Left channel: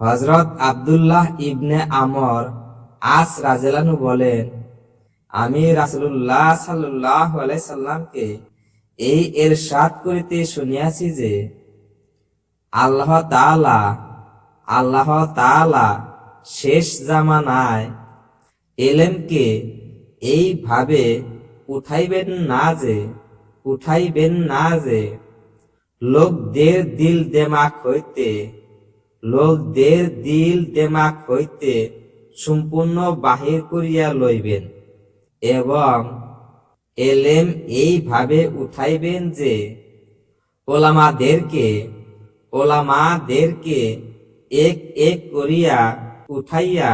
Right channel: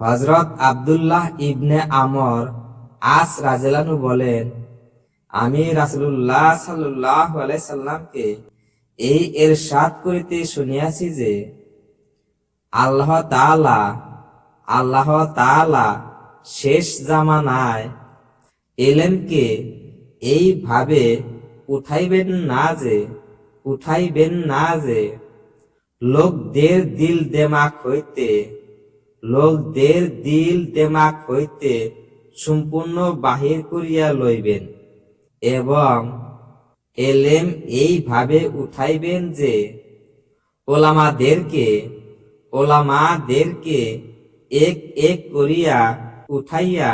হজরত আব্দুল্লাহ ইবনে আমর আস রাজেলানু বলেন, আমি রাসুল্লাহ সাল্লাহ সাল্লামকে এই এরশাদ করিতে শুনিয়াছি যে, আল্লাহ তাআলা আল্লাহ তাআলা শেষ জামানায় এলেমকে এইভাবে উঠাইবেন না যে, উঠাইবেন না যে, লোকদের দিল দেমাক হইতে লোকদের দিল দেমাক হইতে সম্পূর্ণ বাহির করিয়া লইবেন এবং এলেম এইভাবে উঠাইবেন যে, ওলামাদেরকে ওলামাদেরকে এক এক করিয়া উঠাইয়া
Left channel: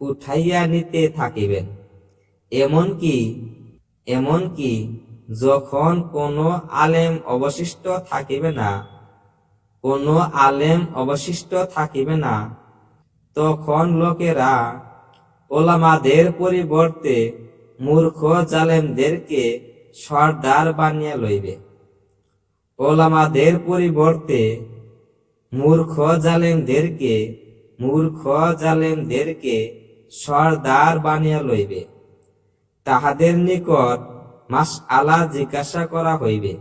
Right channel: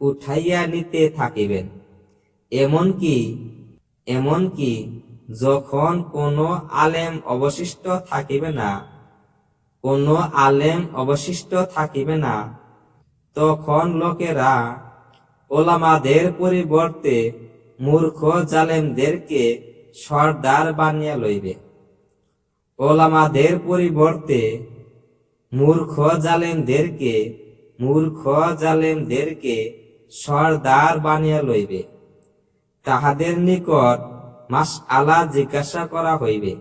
উঠাইয়া নিতে থাকিবেন। এমনকি এমনকি যখন কোনো আলেম অবশিষ্ট থাকিবে না কোনো আলেম অবশিষ্ট থাকিবে না। তখন লোকেরা ওলামাদের পরিবর্তে মূর্খ জালেমদেরকে সর্দার বানিয়ে লইবে। ওলামাদের পরিবর্তে মূর্খ জালেমদেরকে মূর্খ জালেমদেরকে সর্দার বানিয়ে লইবে। তাহাদের নিকট মাস আলা জিজ্ঞাসা করা হইবে।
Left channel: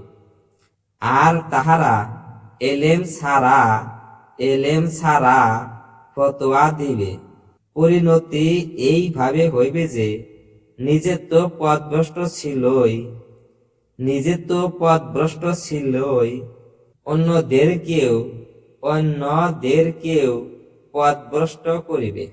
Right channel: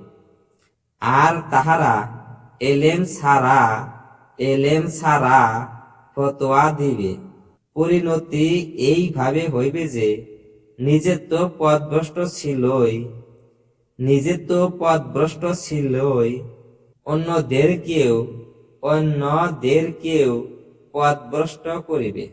আর তাহারা এলেম ছাড়া এলেম ছাড়া ফতোয়া দিবে। পরিণতি এইভাবে হইবে যে নিজে তো পদভ্রষ্ট ছিলই নিজে তো পদভ্রষ্ট ছিলই অন্যদেরকেও অন্যদেরকেও পদভ্রষ্ট করিবে।